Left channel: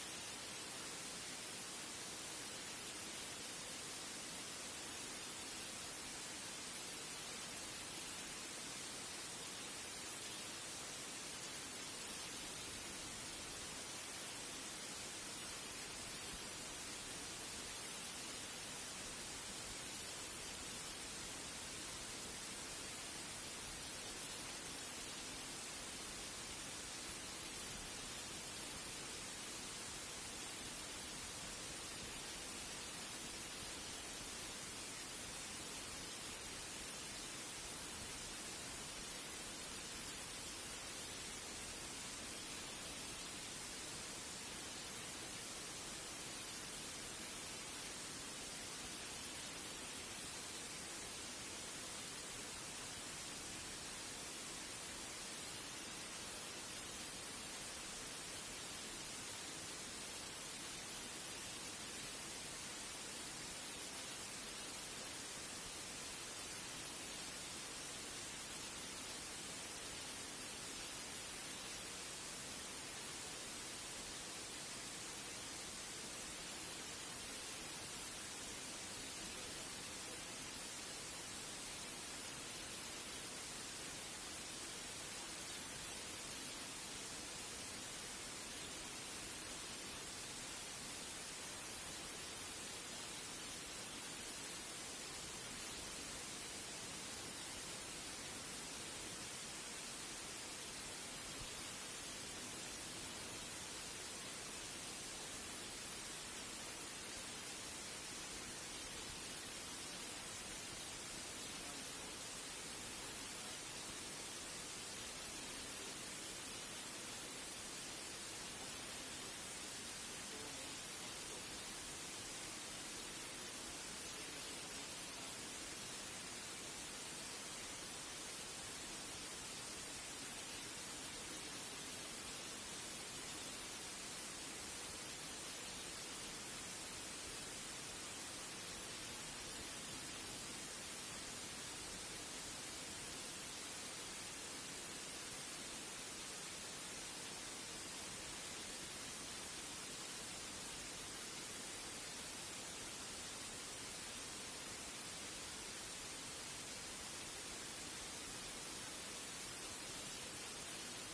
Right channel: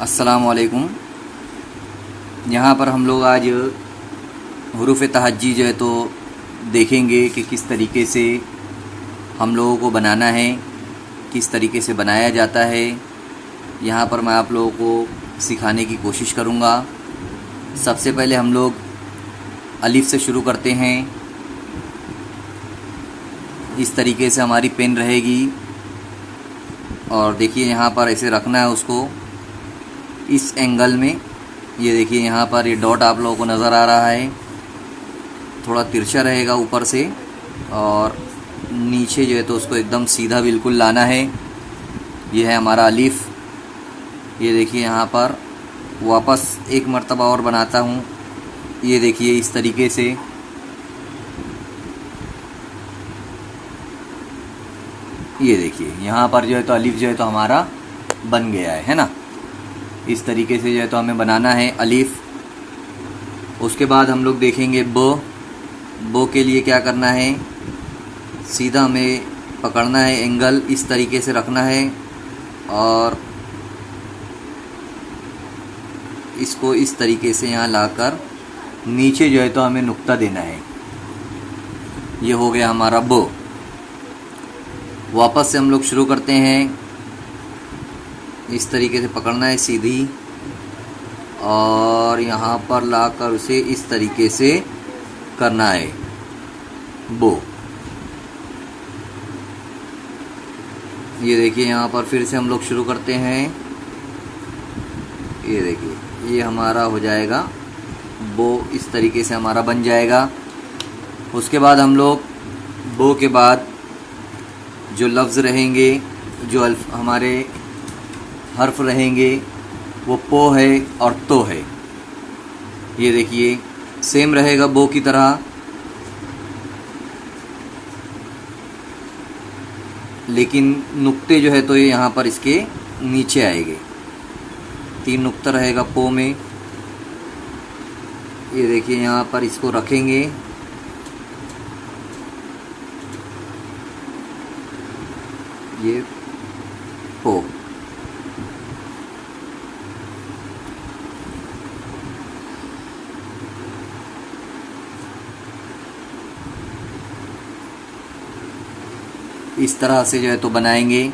अस्सलामुअलैकुम। यहाँ पर हम लोग आज हुरूफ़ तहज्जी जो है तो देखेंगे कि किस तरीके से हम लोगों को बनाना है, किस तरीके से बनाया जाता है। यहाँ पर मैं आप लोगों को सिखाने की कोशिश करूँगा। सबसे पहले हम लोग अलिफ से शुरू करते हैं। इस तरीके से हमारी पेन रहेगी और देखिए यहाँ पर ऐसे रखना है उसको इस एंगल में। ये देखिए यहाँ पर ये डॉट आप लोगों को नज़र आ रहा है, थोड़ा तिरछा रहेगा ऊपर से और नीचे जो है तो उसको एकदम सीधा बिल्कुल लाना है। ये है हमारा अलिफ। ये देखिए यहाँ पर वापस एक मर्तबा और बनाता हूँ। ये देखिए इस तरीके से ये देखिए यहाँ पर जो है तो अलिफ जो है तो हमारा बन गया है ना। इस तरीके से जो है तो हमें बनाना है अलिफ। उसके बाद हम लोग देखेंगे बो के लिए क्या करना है, सीधा हमें पकड़ना है, एंगल इस तरीके से रखना है और इसको इस तरीके से यहाँ लाकर नीचे जो है तो हमें नुक्ता देना है। ये हो गया हमारा बो। वापस से हम लोग शुरू करते हैं। इस तरीके से पकड़ना है सीधी और यहाँ पर लाकर उसे इस तरीके से करना है बो। ये देखिए यहाँ पर फिर से हम लोग शुरू करते हैं। ये देखिए ये हमारा हो जाएगा बो, इस तरीके से हमारा बन जाएगा। उसके बाद हम लोग बो के बाद जो लफ्ज़ रहेंगे, जो हमारे हर्फ रहेंगे वो पो है और तो है। ये देखिए सेम रहेगा बो की तरह, लेकिन नुक्ते जो है तो ये यहाँ पर इसके नीचे आएंगे। 3 नुक्ता रहेगा पो में। ये देखिए यहाँ पर इसको रखेंगे। ये पो। इस तरह से जो है तो बनाएंगे।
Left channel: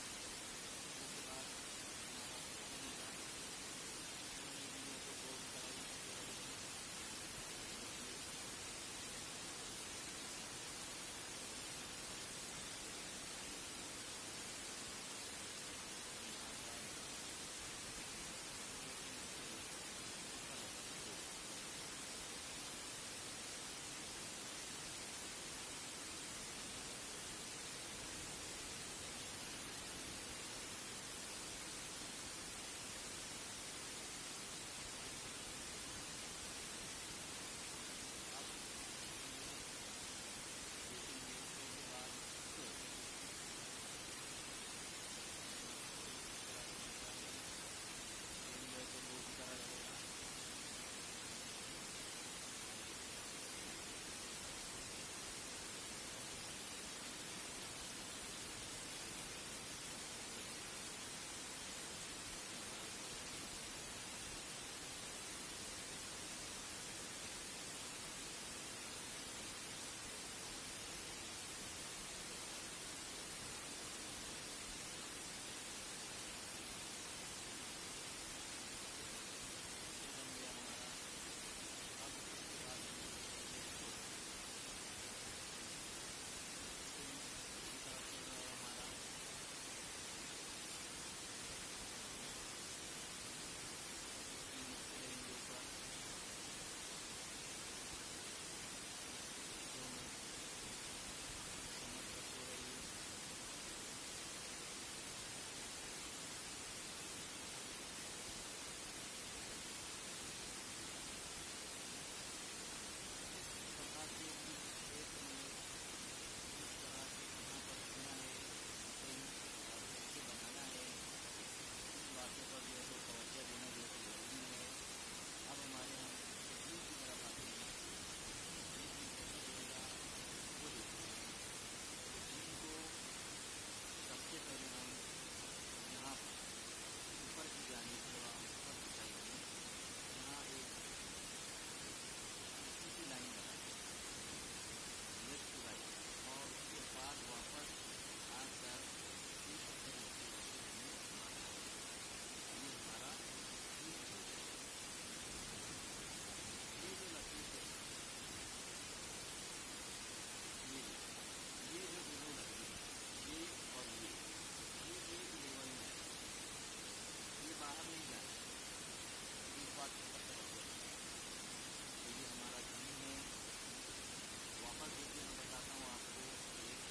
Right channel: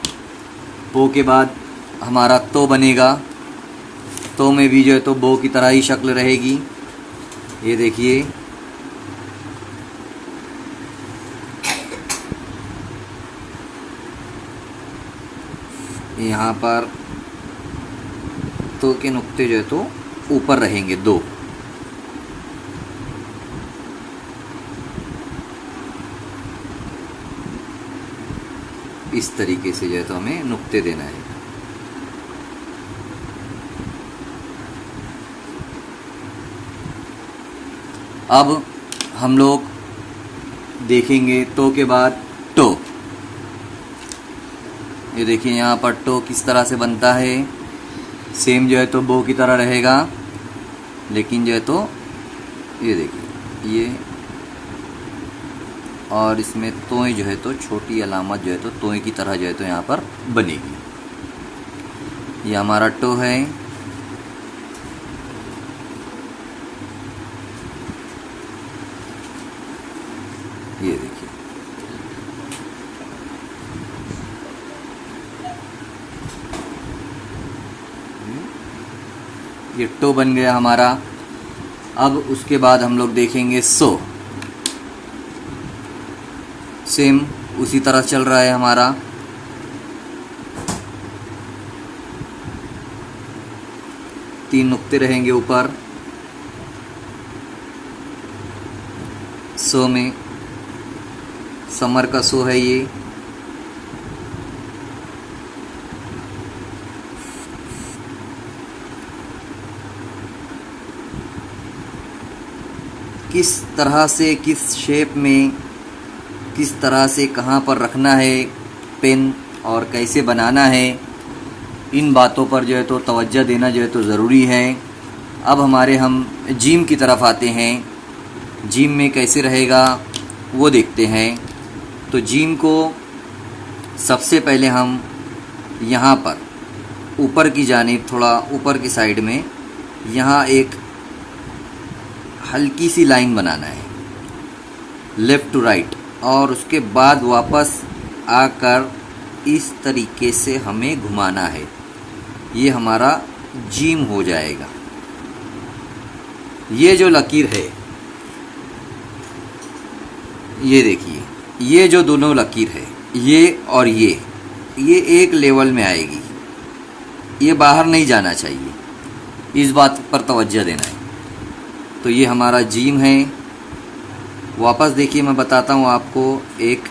पो के बाद हमारा तो बनेगा। तो में भी जो है तो बो की तरह ही शक्ल रहेगी। ये देखिए यहाँ पर तो के नुक्ते जो है तो ऊपर रहेंगे 2। इस तरीके से जो है तो हमें नुक्ते देना है। अब हम लोग देखेंगे तो के बाद टो। ये देखिए यहाँ पर टो किस तरह से बनता है। सेम जो है तो बो की तरह रहेगा, लेकिन जो है तो ये देखिए ये और इसमें तोय जो है तो छोटी अलामत जो है तो तोय की तरह जो है तो यहाँ पर बनेगी। ये हमारा टो है। ये देखिए ये टो बन गया हमारा। अब उसके बाद हम लोग देखेंगे सो। सेम उसी तरह चल रहा है हमारा। तीन नुक्ते रहेंगे ऊपर सो में। समर का सो है ये। किस तरह से, किस शेप में, किस तरह से कहाँ पर रखना है पेन और कैसे बनाना है, इन बातों पर जो है तो तवज्जो देना जो है तो ज़रूरी है। अब हम जीम की तरफ आते हैं। जीम में कैसे रहेगा वो देखते हैं। तो जीम को सबसे पहले हम यहाँ पर ऊपर की जानिब, थोड़ा ऊपर की साइड में यहाँ एक हल्की सी लाइन बनाना है, लेफ़्ट टू राइट, और उसके बाद वापस आकर इस तरीके से हमें घुमाना है। ये हमारा जीम हो जाएगा। ये जो लकीर है, ये देखिए, ये जो दोनों लकीर है, ये और ये एक लेवल में आएगी। ये बाहर नहीं जाना चाहिए, इस बात पर तवज्जो देना है। तो ये हमारा जीम है। वापस देखिए, मैं बताता हूँ आपको, एक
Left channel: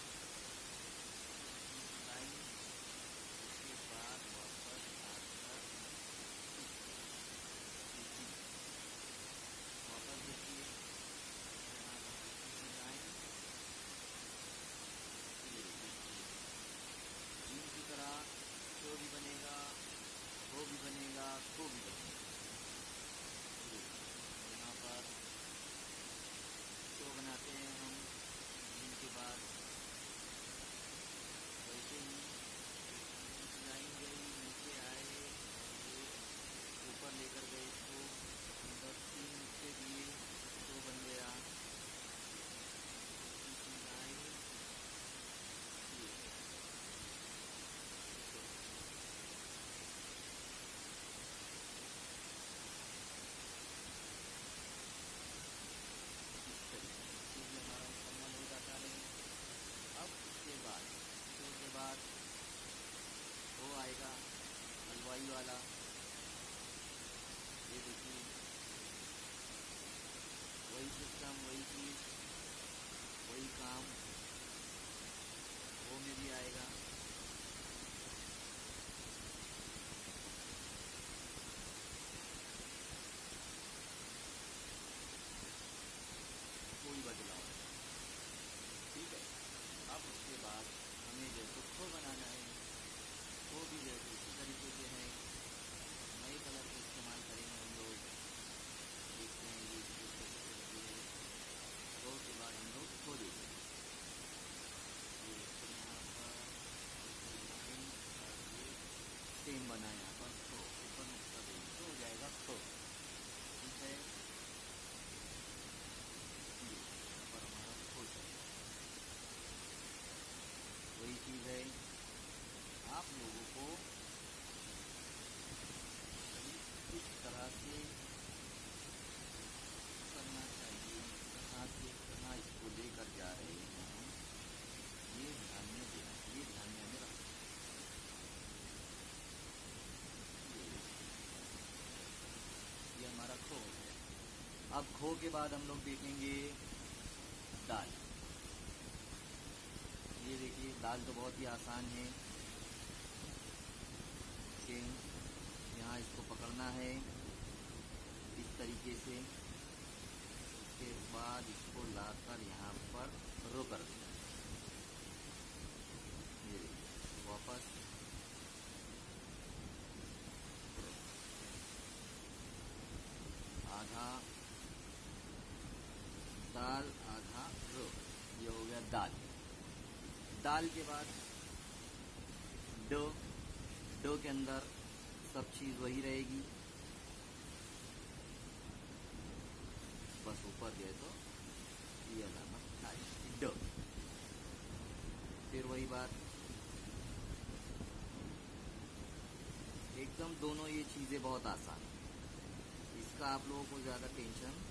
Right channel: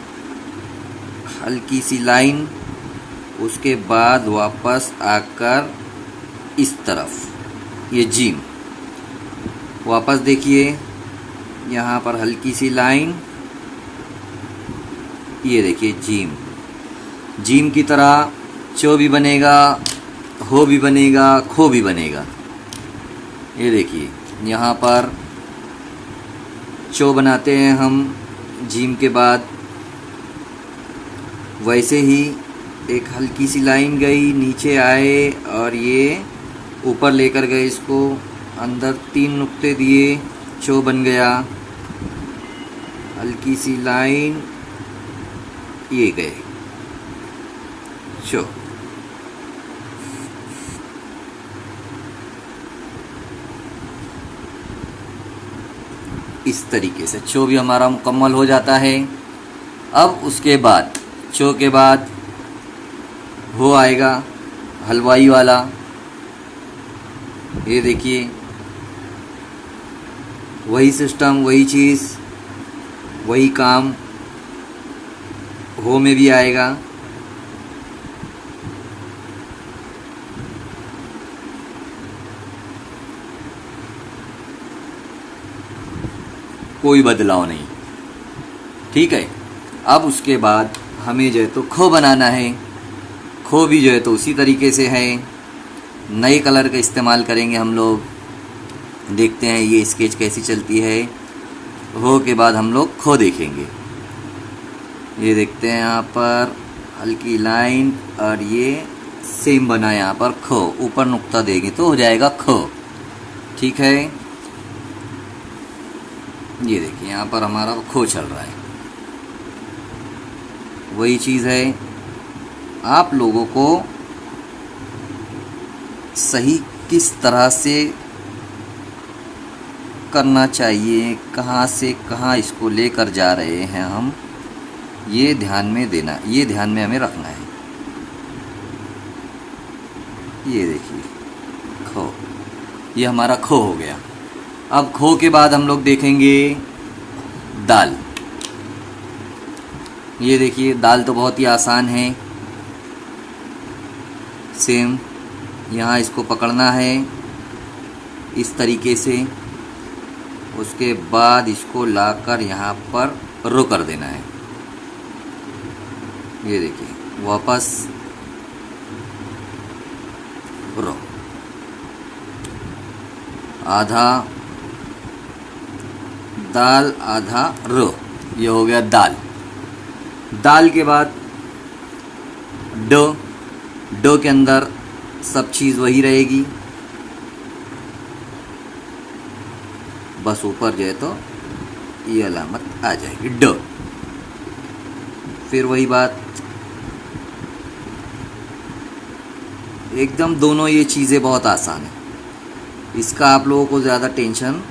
हल्की सी लाइन, उसके बाद वापस आकर इस तरफ, ये जीम। वापस देखिए, यहाँ पर हल्की सी लाइन, ये देखिए जीम। जीम की तरह चो भी बनेगा, हो भी बनेगा, खो भी बनेगा। ये देखिए, यहाँ पर चो बनाते हैं हम जीम के बाद। वैसे ही एक हल्की सी लाइन गई, नीचे आए और ये ऊपर लेकर गए, इसको अंदर 3 नुक्ते दिए, चो बन गया। हल्की सी लाइन, ये गए चो। इस तरीके से चो भी हमारा मुकम्मल हो जाता है। अब उसके बाद, चो के बाद हो आएगा, हलवाई वाला। ये देखिए, वही सिस्टम, वही चीज़, वही काम हो में भी आएगा। कोई बदलाव नहीं, ठीक है। अब उसके बाद हमें जो है तो खो बनाना है। खो भी जो है तो उसी तरीके से है, नए कलर का इस्तेमाल करेंगे हम लोग। देखते हैं ये स्केच कैसी चलती है। हो के बाद हम लोग खो देखेंगे। ये देखते हैं, यहाँ पर हल्की लाइन और ये सेम बना, यहाँ पर खो, ऊपर नुक्ता देंगे तो हो जाएगा खो, ठीक है। ये देखिए, यहाँ पर हमारा खो चल रहा है। वही चीज़ है, आप लोगों को सही किस तरह से करना चाहिए, कहाँ से कहाँ इसको लेकर जा रहे हैं हम, ये ध्यान में देना, ये ध्यान में हमें रखना है। ये देखिए खो, ये हमारा खो हो गया। अब खो के बाद हम लोग देखेंगे दाल। ये देखिए, दाल तो बहुत ही आसान है। सेम यहाँ इसको पकड़ना है इस तरीके से, उसके बाद इसको लाकर यहाँ पर रो कर देना है। ये देखिए, वापस रो, आधा दाल आधा रो, ये हो गया दाल। दाल के बाद डो। डो के अंदर सब चीज़ वही रहेगी, बस ऊपर जो है तो ये अलामत आ जाएगी डो। फिर वही बात, एकदम दोनों ये चीज़ें बहुत आसान है। इसका आप लोगों को ज़्यादा टेंशन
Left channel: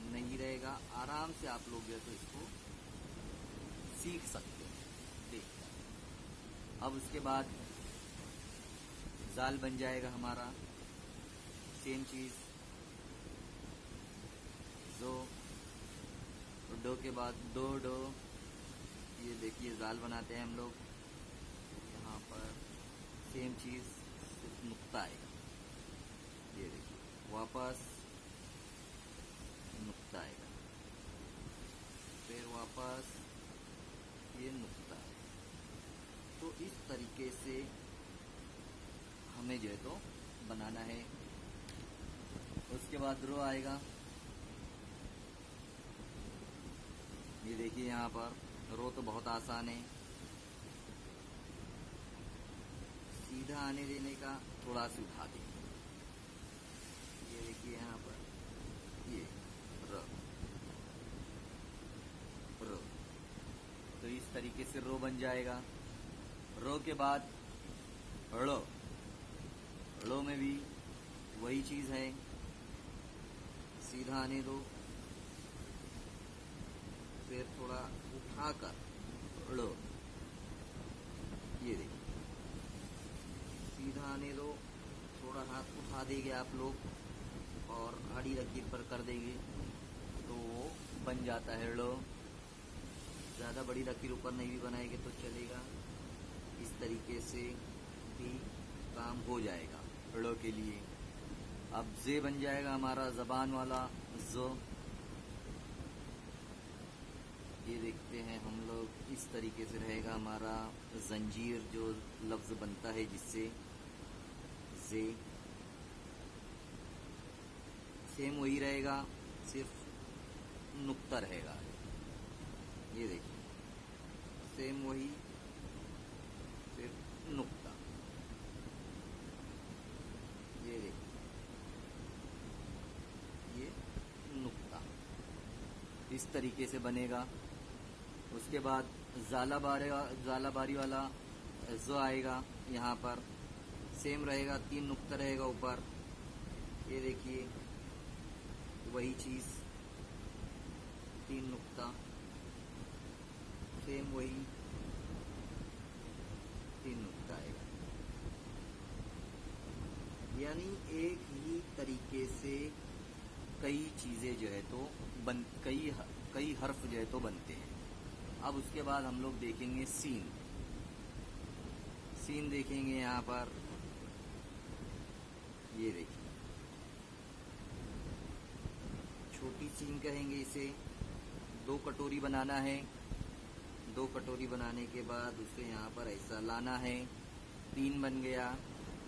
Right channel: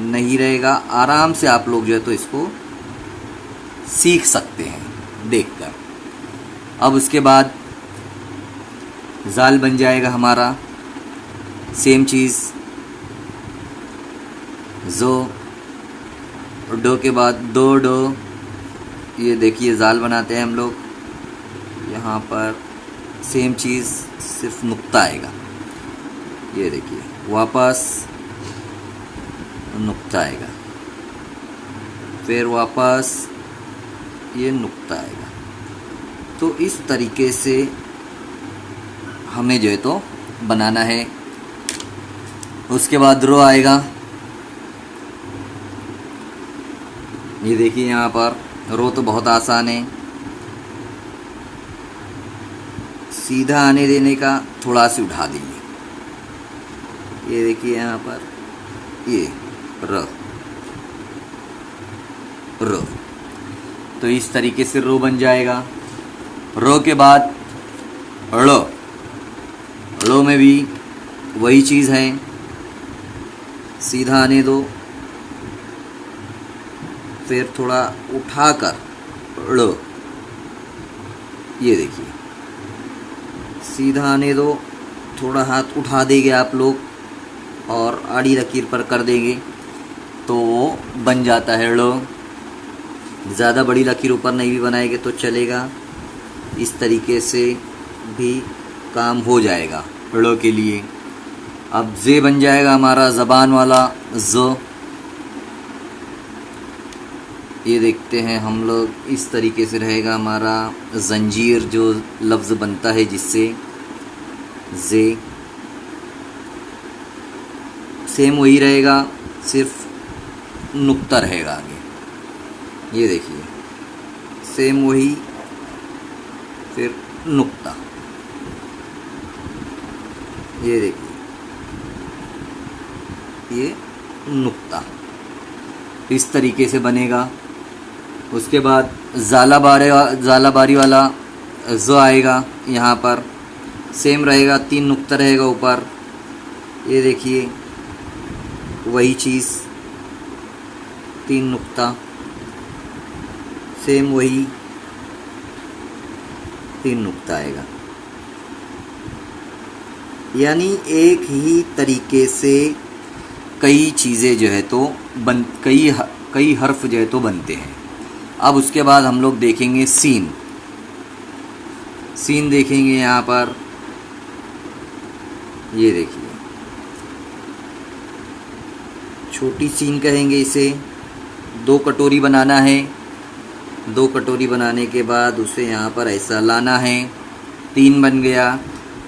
नहीं रहेगा, आराम से आप लोग जो है तो इसको सीख सकते हैं देखकर। अब उसके बाद जाल बन जाएगा हमारा। सेम चीज़, जो डो के बाद दो डो। ये देखिए, जाल बनाते हैं हम लोग। यहाँ पर सेम चीज़, सिर्फ नुक्ता आएगा। ये देखिए, वापस नुक्ता आएगा, फिर वापस ये नुक्ता आएगा। तो इस तरीके से हमें जो है तो बनाना है। उसके बाद रो आएगा। ये देखिए, यहाँ पर रो तो बहुत आसान है। सीधा आने देने का, थोड़ा सी उठा देंगे। ये देखिए यहाँ पर ये र रो, तो इस तरीके से रो बन जाएगा। रो के बाद ड़ो, ड़ो में भी वही चीज़ है, सीधा आने दो, फिर थोड़ा उठाकर ड़ो, ये देखिए सीधा आने दो, थोड़ा हाथ उठा देंगे आप लोग और आड़ी लकीर पर कर देंगे तो वो बन जाता है ड़ो। ज़्यादा बड़ी लकीर ऊपर नहीं भी बनाएंगे तो चलेगा, इस तरीके से भी काम हो जाएगा ड़ो के लिए। अब जे बन जाएगा हमारा ज़बान वाला ज़। ये देखते हैं हम लोग, इस तरीके से रहेगा हमारा जंजीर जो लफ्ज़ बनता है जिससे जे, सेम वही रहेगा, सिर्फ नुक्ता रहेगा आगे। ये देखिए सेम वही, फिर नुक्ता, ये देखिए ये नुक्ता, इस तरीके से बनेगा। उसके बाद ज़ाला बारी वाला ज़ आएगा, यहाँ पर सेम रहेगा, 3 नुक्ता रहेगा ऊपर। ये देखिए वही चीज़, 3 नुक्ता, सेम वही 3 नुक्ता आएगा। यानी एक ही तरीके से कई चीज़ें जो है तो कई हर्फ जो है तो बनते हैं। अब उसके बाद हम लोग देखेंगे सीन। सीन देखेंगे यहाँ पर, ये देखिए छोटी सीन कहेंगे इसे। 2 कटोरी बनाना है, 2 कटोरी बनाने के बाद उसे यहाँ पर ऐसा लाना है, 3 बन गया।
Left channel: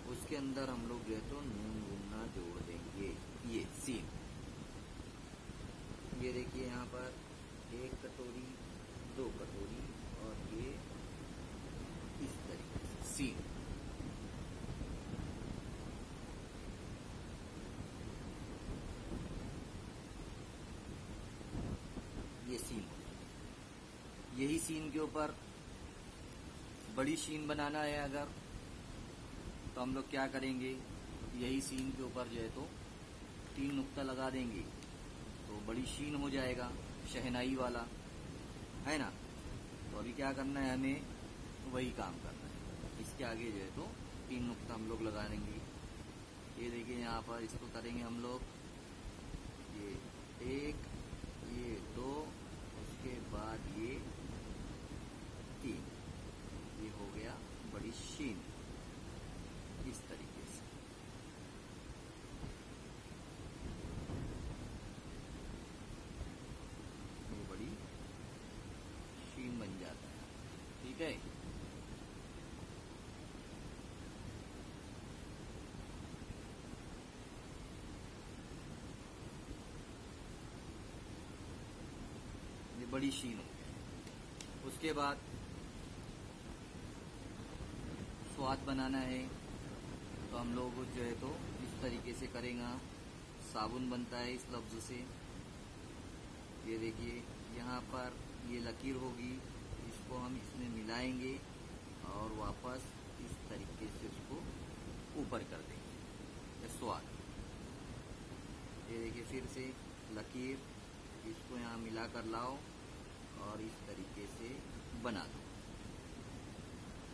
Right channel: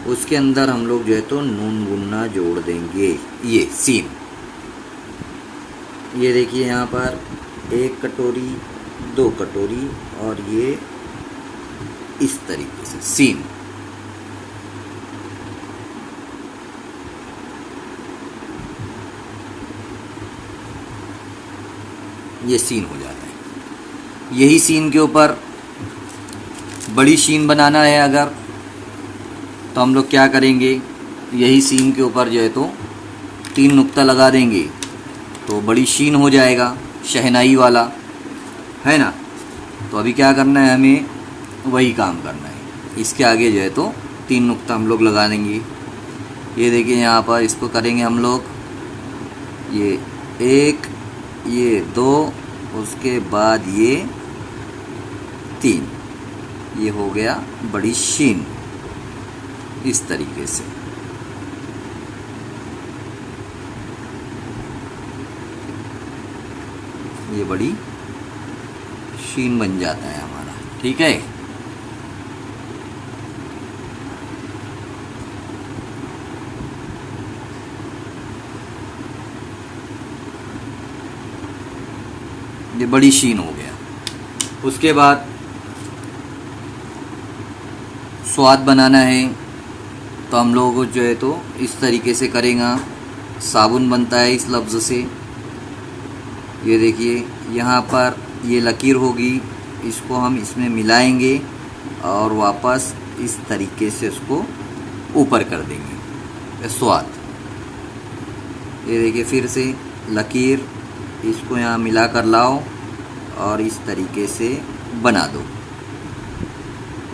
उसके अंदर हम लोग जो है तो नून गुन्ना जोड़ देंगे, ये सीन। ये देखिए यहाँ पर 1 कटोरी, 2 कटोरी और ये इस तरीके से सीन। ये सीन हो जाता है। यही सीन के ऊपर बड़ी शीन बनाना है अगर, तो हम लोग क्या करेंगे, यही सीन के ऊपर जो है तो 3 नुक्ता लगा देंगे तो बड़ी शीन हो जाएगा, शहनाई वाला, है ना। तो अभी क्या करना है, हमें वही काम करना है। इसके आगे जो है तो 3 नुक्ता हम लोग लगा देंगे। ये देखिए यहाँ पर इसको करेंगे हम लोग, ये 1, ये 2, उसके बाद ये 3, ये हो गया बड़ी शीन, इस तरीके से। ये बड़ी शीन बन जाता है हमारा, ठीक है। ये बड़ी शीन हो गया। उसके बाद स्वाद बनाना है तो हम लोगों को जो है तो इस तरीके से करेगा। साबुन बनता है इस लफ्ज़ से। ये देखिए यहाँ पर ये लकीर होगी, इसको हम इसमें मिलाएंगे और वापस इस तरीके से इसको ऊपर कर देंगे, स्वाद। ये देखिए फिर से लकीर, इसको यहाँ मिला कर लाओ और इस तरीके से बना दो।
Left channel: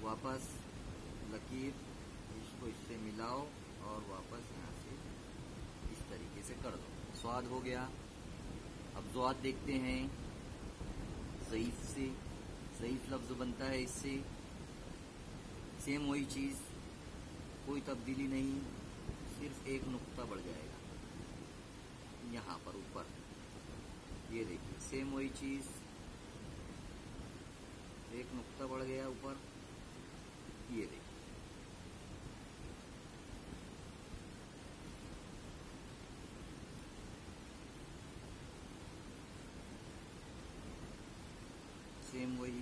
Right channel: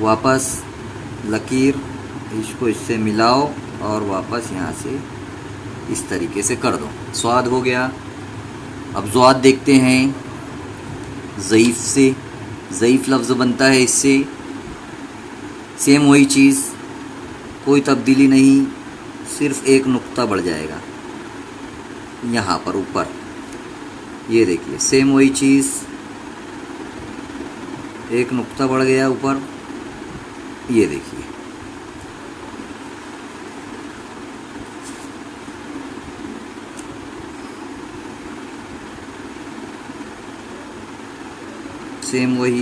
वापस लकीर, इसको इससे मिलाओ और वापस यहाँ से इस तरीके से कर दो, स्वाद हो गया। अब ज़्वाद देखते हैं, ज़ईफ़ से, ज़ईफ़ लफ्ज़ बनता है इससे। सेम वही चीज़, कोई तब्दीली नहीं, सिर्फ़ 1 नुक्ता बढ़ जाएगा यहाँ पर ऊपर। ये देखिए सेम वही चीज़, 1 नुक्ता बढ़ गया ऊपर। ये देखिए सेम वही,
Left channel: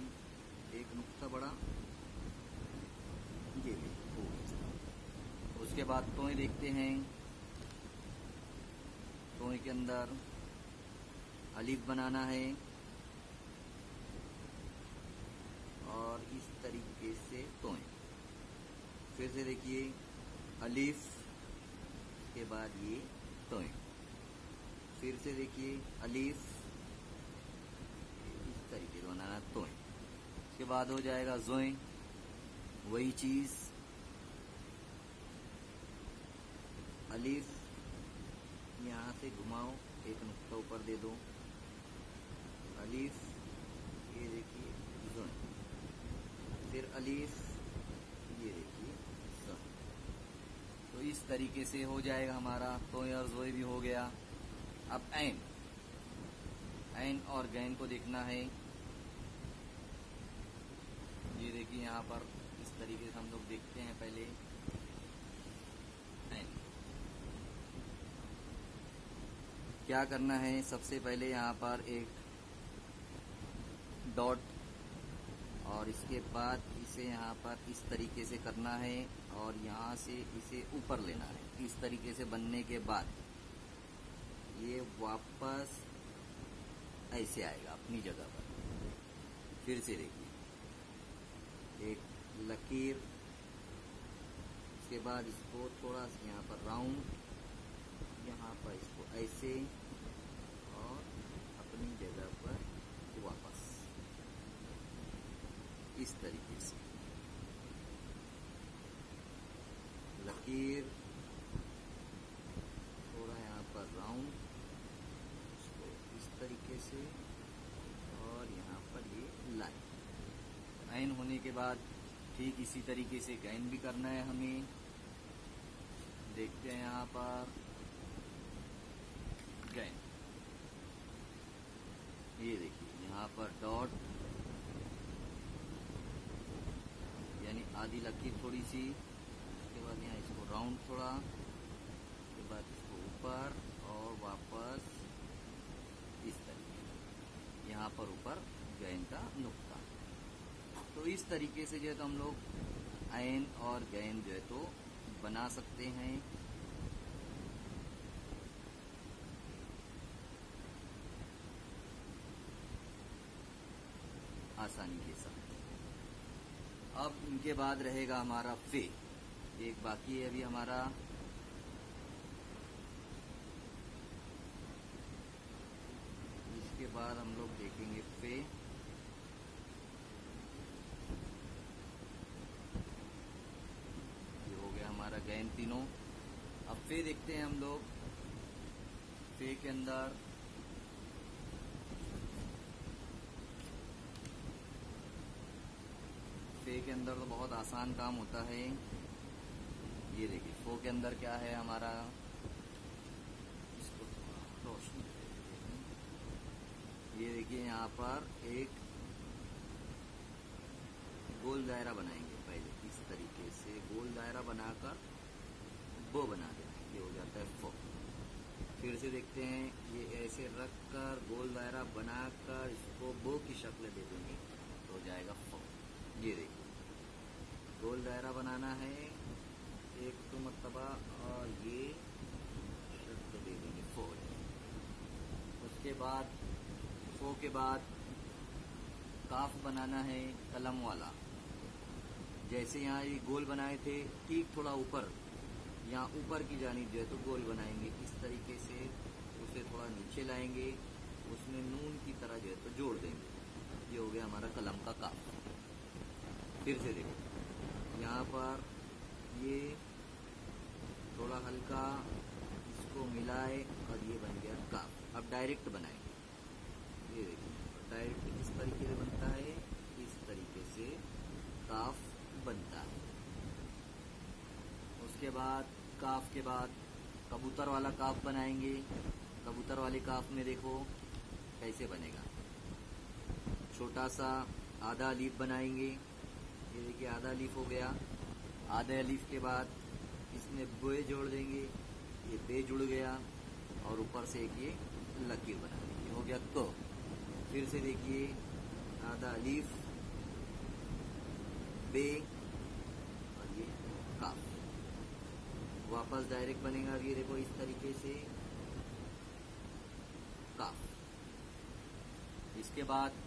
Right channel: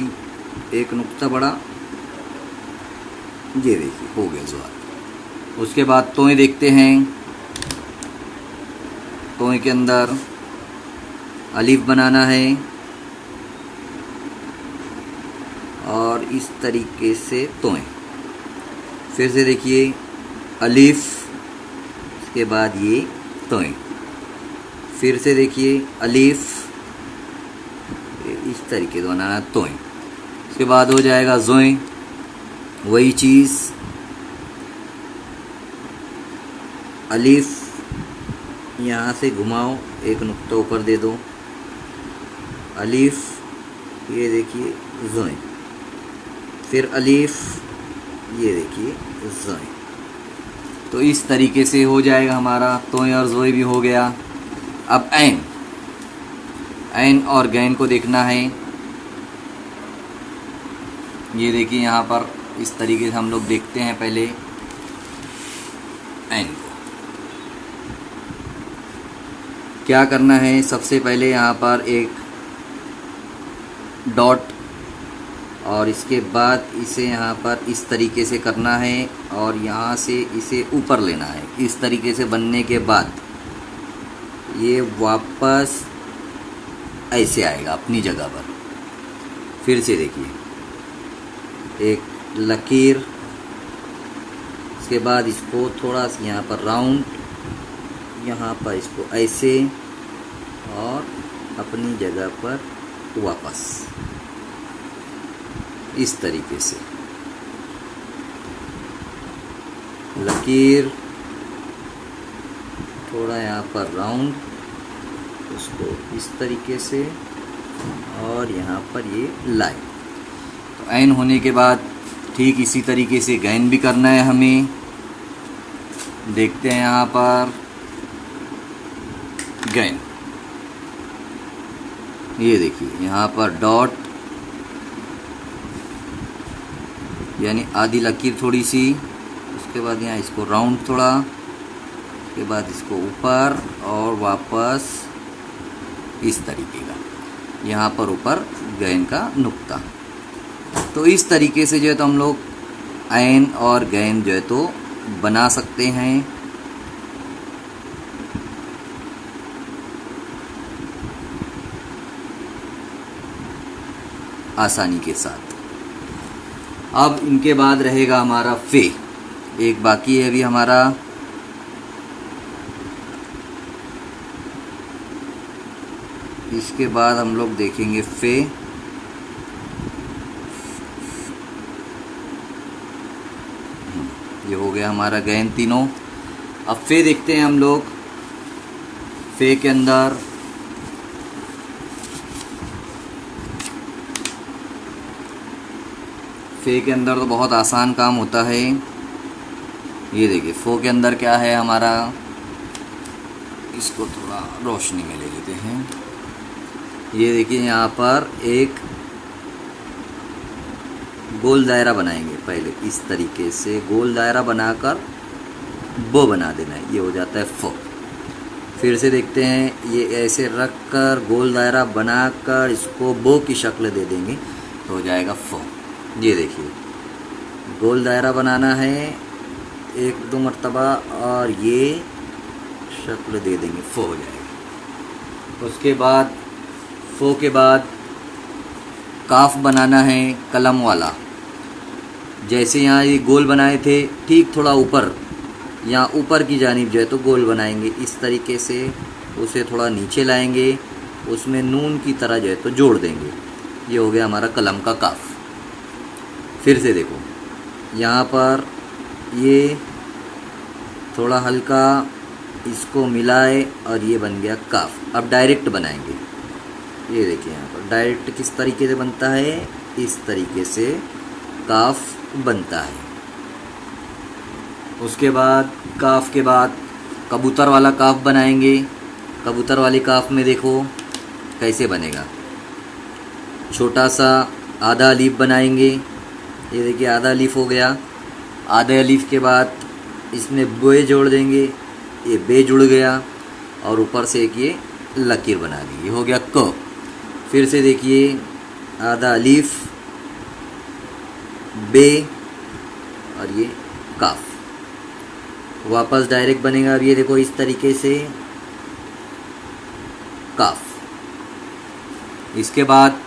1 नुक्ता बढ़ा, ये देखिए हो गया ज़ुआर। उसके बाद तोय देखते हैं। तोय के अंदर अलिफ बनाना है और इस तरीके से तोय। फिर से देखिए अलिफ, इसके बाद ये तोय। फिर से देखिए अलिफ, इस तरीके से बनाना तोय। उसके बाद हो जाएगा जोय, वही चीज़ अलिफ, यहाँ से घुमाओ, एक नुक्ता ऊपर दे दो, अलिफ, ये देखिए जोय। फिर अलिफ, ये देखिए जोय। तो इस तरीके से हो जाएगा हमारा तोय और जोय भी हो गया। अब ऐन, ऐन और गैन को देखना है। ये देखिए यहाँ पर इस तरीके से हम लोग देखते हैं पहले ऐन को। क्या करना है, सबसे पहले यहाँ पर एक डॉट और इसके बाद इसे यहाँ पर इस तरीके से करना है और यहाँ से इसे ऊपर लेना है। इस तरीके से बनने के बाद ये वापस ऐसे आएगा अपनी जगह पर। फिर से देखिए एक लकीर, इसके बाद इसको थोड़ा सा यहाँ पर राउंड, यहाँ पर इसको ऐसे और अपनी जगह पर वापस इस तरीके से लकीर, थोड़ा यहाँ पर राउंड, उसको इस तरीके से और यहाँ पर ये लाइन। तो ऐन होने के बाद ठीक इसी तरीके से गैन भी करना है हमें। देखते हैं यहाँ पर गैन, ये देखिए यहाँ पर डॉट यानी आधी लकीर थोड़ी सी, उसके बाद यहाँ इसको राउंड थोड़ा, उसके बाद इसको ऊपर और वापस इस तरीके का, यहाँ पर ऊपर गैन का नुक्ता। तो इस तरीके से जो है तो हम लोग ऐन और गैन जो है तो बना सकते हैं। आसानी के साथ। अब इनके बाद रहेगा हमारा फे, एक बाकी है अभी हमारा। इसके बाद हम लोग देखेंगे फे। ये हो गया हमारा गैन तीनों। अब फे देखते हैं हम लोग। फे के अंदर फे के अंदर तो बहुत आसान काम होता है। ये देखिए फो के अंदर क्या है हमारा, इसको थोड़ा रोशनी में ले लेते हैं। ये देखिए यहाँ पर एक गोल दायरा बनाएंगे। पहले इस तरीके से गोल दायरा बनाकर बो बना देना है, ये हो जाता है फो। फिर से देखते हैं, ये ऐसे रख कर गोल दायरा बनाकर इसको बो की शक्ल दे देंगे तो हो जाएगा फो। ये देखिए गोल दायरा बनाना है एक दो मर्तबा और ये शक्ल दे देंगे, फो हो जाएगा। उसके बाद फो के बाद काफ बनाना है कलम वाला। जैसे यहाँ ये गोल बनाए थे, ठीक थोड़ा ऊपर, यहाँ ऊपर की जानिब जो है तो गोल बनाएंगे। इस तरीके से उसे थोड़ा नीचे लाएंगे, उसमें नून की तरह जो है तो जोड़ देंगे। ये हो गया हमारा कलम का काफ। फिर से देखो यहाँ पर ये थोड़ा हल्का इसको मिलाए और ये बन गया काफ। अब डायरेक्ट बनाएंगे। ये देखिए यहाँ पर डायरेक्ट किस तरीके से बनता है, इस तरीके से काफ बनता है। उसके बाद काफ के बाद कबूतर वाला काफ बनाएंगे। कबूतर वाले काफ में देखो कैसे बनेगा। छोटा सा आधा अलीफ बनाएंगे। ये देखिए आधा अलीफ हो गया। आधे अलीफ के बाद इसमें बे जोड़ देंगे, ये बे जुड़ गया और ऊपर से एक ये लकीर बना दी, ये हो गया क। फिर से देखिए आधा अलीफ, बे और ये काफ। वापस डायरेक्ट बनेगा अब ये देखो इस तरीके से काफ। इसके बाद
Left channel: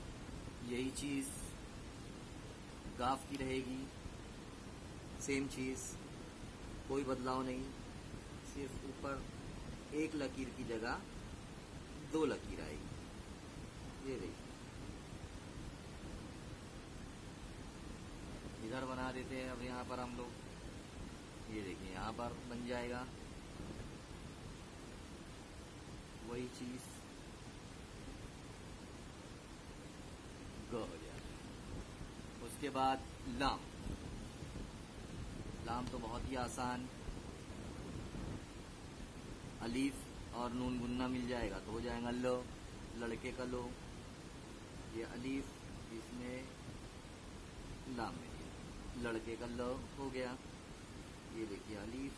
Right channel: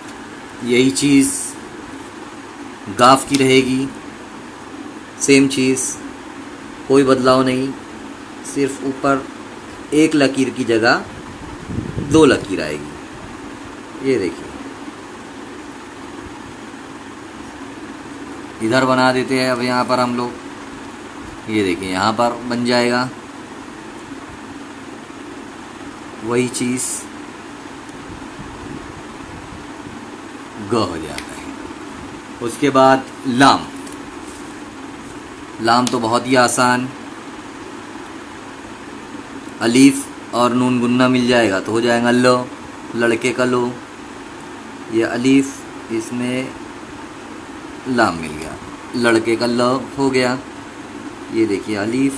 यही चीज़ गाफ की रहेगी, सेम चीज़, कोई बदलाव नहीं, सिर्फ ऊपर एक लकीर की जगह 2 लकीर आएगी। ये देखिए इधर बना देते हैं अब यहाँ पर हम लोग। ये देखिए यहाँ पर बन जाएगा वही चीज़ ग हो जाता है। उसके बाद लाम। लाम तो बहुत ही आसान, अलीफ और नून गुन्ना मिल जाएगा तो हो जाएगा लो, लड़के का लो। ये अलीफ, इसमें लाम मिल गया, लड़के का ल हो गया। ये देखिए अलीफ,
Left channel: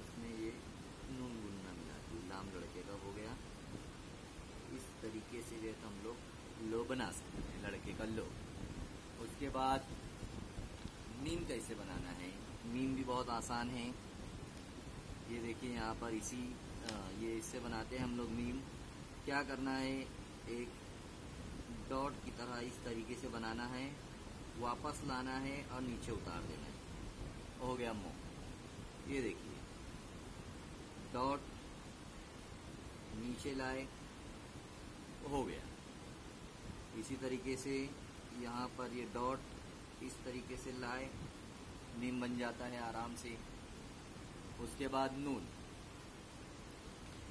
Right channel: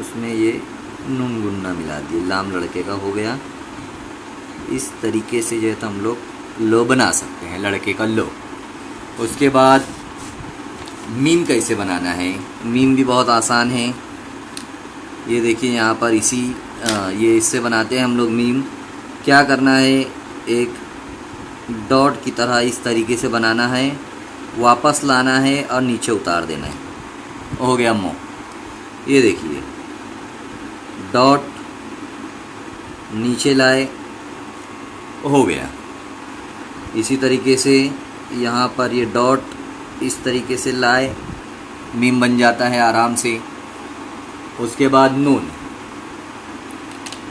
उसमें ये नून गुन्ना मिला दिए, लाम लड़के का हो गया। इस तरीके से जो है तो हम लोग लो बना सकते हैं, लड़के का लो। उसके बाद मीम कैसे बनाना है, मीम भी बहुत आसान है। ये देखिए यहाँ पर ये इससे बनाते हैं हम लोग मीम। क्या करना है, एक डॉट की तरह इस तरीके से बनाना है, वापस लाना है और नीचे उतार देना है, हो गया मो। ये देखिए डॉट नीचे लाए, हो गया। इसी तरीके से यहाँ पर ये डॉट इस तरीके से लाए, मीम बन जाता है आराम से। उसके बाद नून।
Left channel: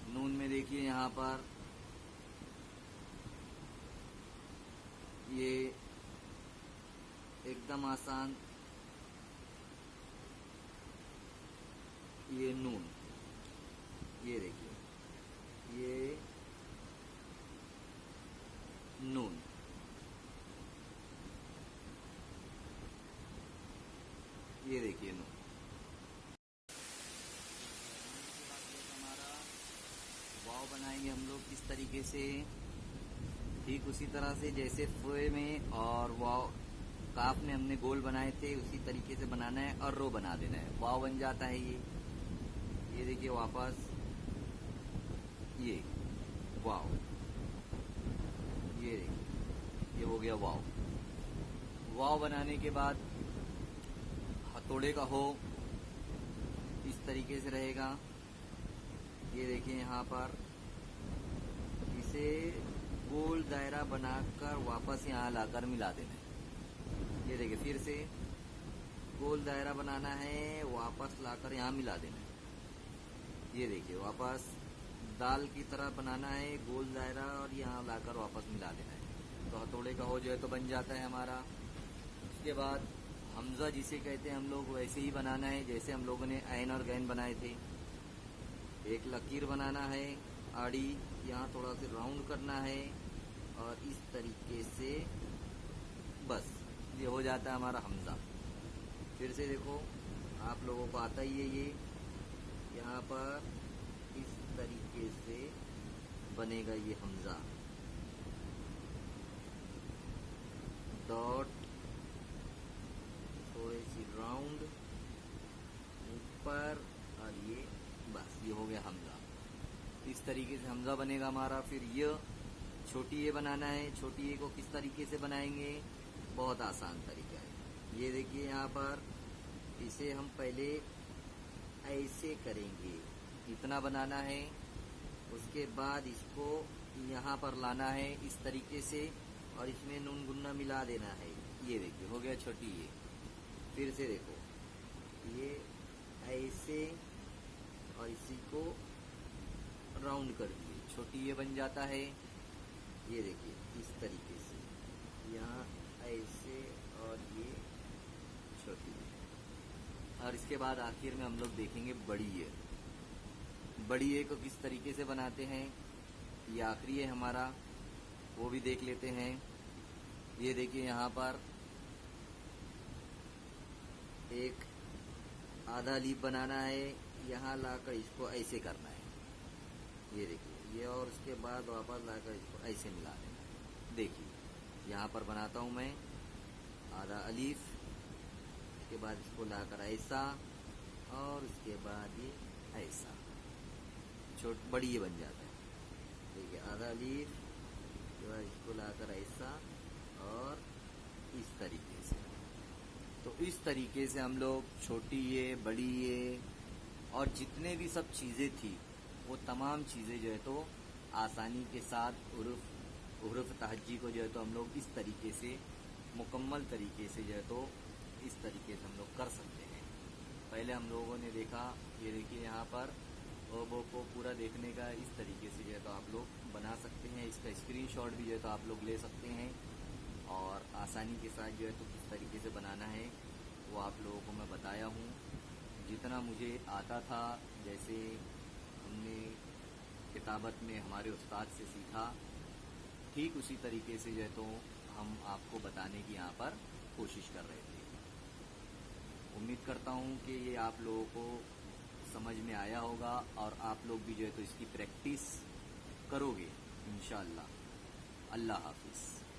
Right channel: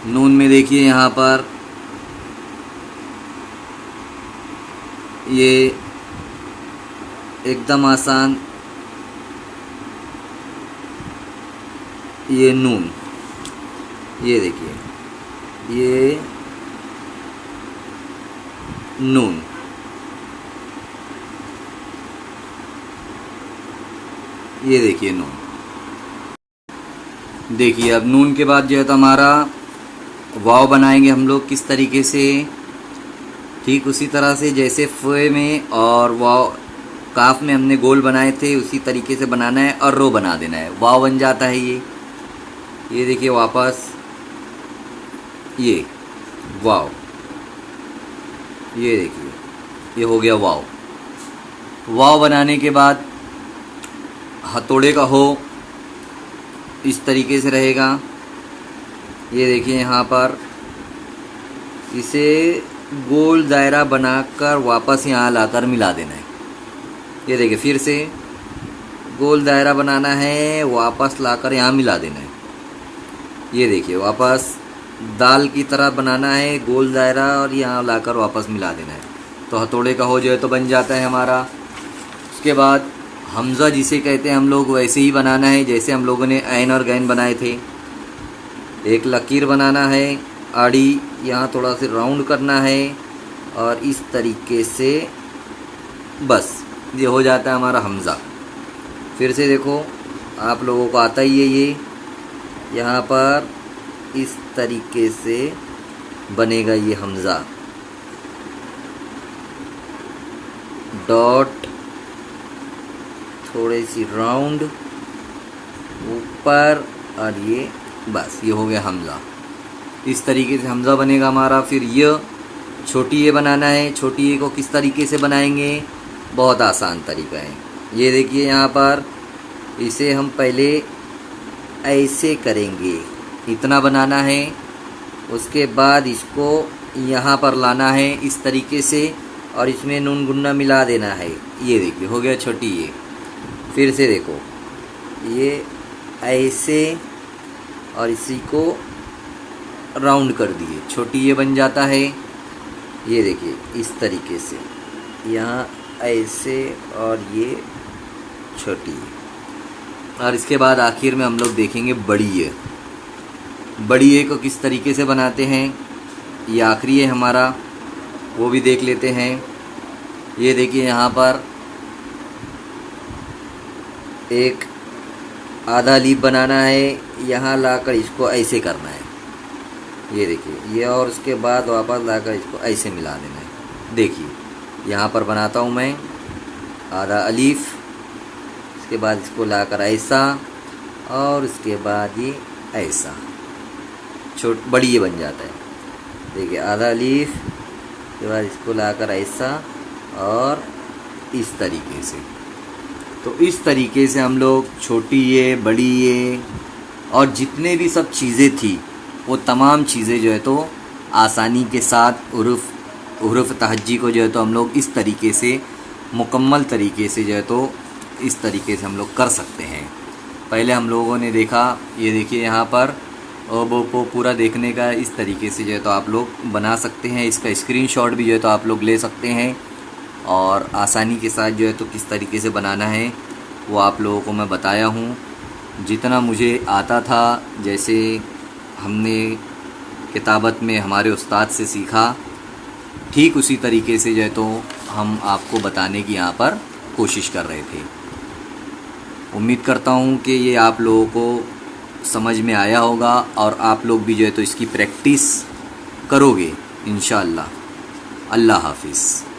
नून में देखिए यहाँ पर ये एकदम आसान, ये नून, ये देखिए ये नून, ये देखिए नून। देखिए अब नून के बाद जो है तो हमारा वाव बनाएंगे हम लोग किस तरीके से, ठीक उसी तरह से जैसे फ़े में और वाव काफ में हमने गोल बनाए थे, उसी तरीके से बनाना है और रो बना देना है, वाव बन जाता है ये देखिए वापस ये वाव, ये देखिए ये हो गया वाव। वाव बनाने के बाद हथौड़े का हो इस तरीके से रहेगा। ये देखिए यहाँ पर इसे गोल दायरा बनाकर वापस यहाँ लाकर मिला देना है। ये देखिए फिर से गोल दायरा बनाना है, वापस लाकर यहाँ मिला देना है। ये देखिए वापस दाल की तरह बनाना है, गोल दायरा और यहाँ लाकर वापस मिला देना है, तो हथौड़े का हो जो है तो बन जाता है हमारा। उसके बाद हमज़ा जिसे कहते हैं हम लोग, वैसे ही बनाना है जैसे हम लोगों ने ऐन और गैन बनाए थे। एक लकीर बनाना है आड़ी, यहाँ थोड़ा सा राउंड करना है और इस तरीके से बस ये हो जाता है हमारा हमज़ा। फिर से देखो आप लोगों को आता ही है ये, यहाँ पर इस तरीके से बनेगा ये हमज़ा। डॉट थोड़ी सी राउंड ऊपर और ये बस ये हो गया हमज़ा। इस तरीके से हमज़ा बनेगा हमारा। फिर ये छोटी ए बनाना है। छोटी ए को किस तरीके से बनाएंगे, बहुत आसान तरीका है। ये देखिए यहाँ पर इसे हम पहले ऐसे करेंगे, इतना बनाना है। उसके बाद इसको यहाँ पर लाना है इस तरीके से और इसमें नून गुन्ना मिला देना है। ये देखिए हो गया छोटी ए। फिर से देखो ये ऐसे और इसी को राउंड कर दिए, छोटी ये बन जाता है। ये देखिए इस तरीके से यहाँ ऐसे और ये छोटी ये। और इसके बाद आखिर में हम लोग देखेंगे बड़ी ये। बड़ी ए को किस तरीके से बनाते हैं, ये आखिरी है हमारा, वो भी देख लेते हैं। ये देखिए यहाँ पर एक आधा लीफ बनाना है, यहाँ लाकर इसको ऐसे करना है। ये देखिए ये, और उसके बाद वापस लाकर इसको ऐसे मिला देना है। देखिए यहाँ पर बनाता हूँ मैं आधा अलीफ, उसके बाद इसको लाकर ऐसा, और उसके बाद ये ऐसा बड़ी ये बन जाता है। देखिए आधा अलीफ के बाद इसको लाकर ऐसा और इस तरीके से। तो इस तरीके से हम लोग छोटी ये, बड़ी ये और जितने भी सब चीज़ें थी वो तमाम चीज़ें जो है तो आसानी के साथ उर्फ़ तहज्जी को जो है तो हम लोग इस तरीके से मुकम्मल तरीके से जो है तो इस तरीके से हम लोग कर सकते हैं। पहले हम लोगों ने देखा, ये देखिए यहाँ पर वो पूरा देखने का इस तरीके से जो है तो आप लोग बना सकते हैं। इसका स्क्रीनशॉट भी जो है तो आप लोग ले सकते हैं और आसानी के साथ जो है तो किस तरीके से बनाना है वो आप लोगों को मैं बताया हूँ। जितना मुझे आता था, जैसे हमने किताबत में हमारे उस्ताद से सीखा, ठीक उसी तरीके से जो है तो हम आपको बताने की यहाँ पर कोशिश कर रहे थे। उम्मीद करता हूँ कि ये आप लोगों को समझ में आया होगा और आप लोग भी जो है तो इसकी प्रैक्टिस करोगे इंशाअल्लाह। अल्लाह हाफिज़।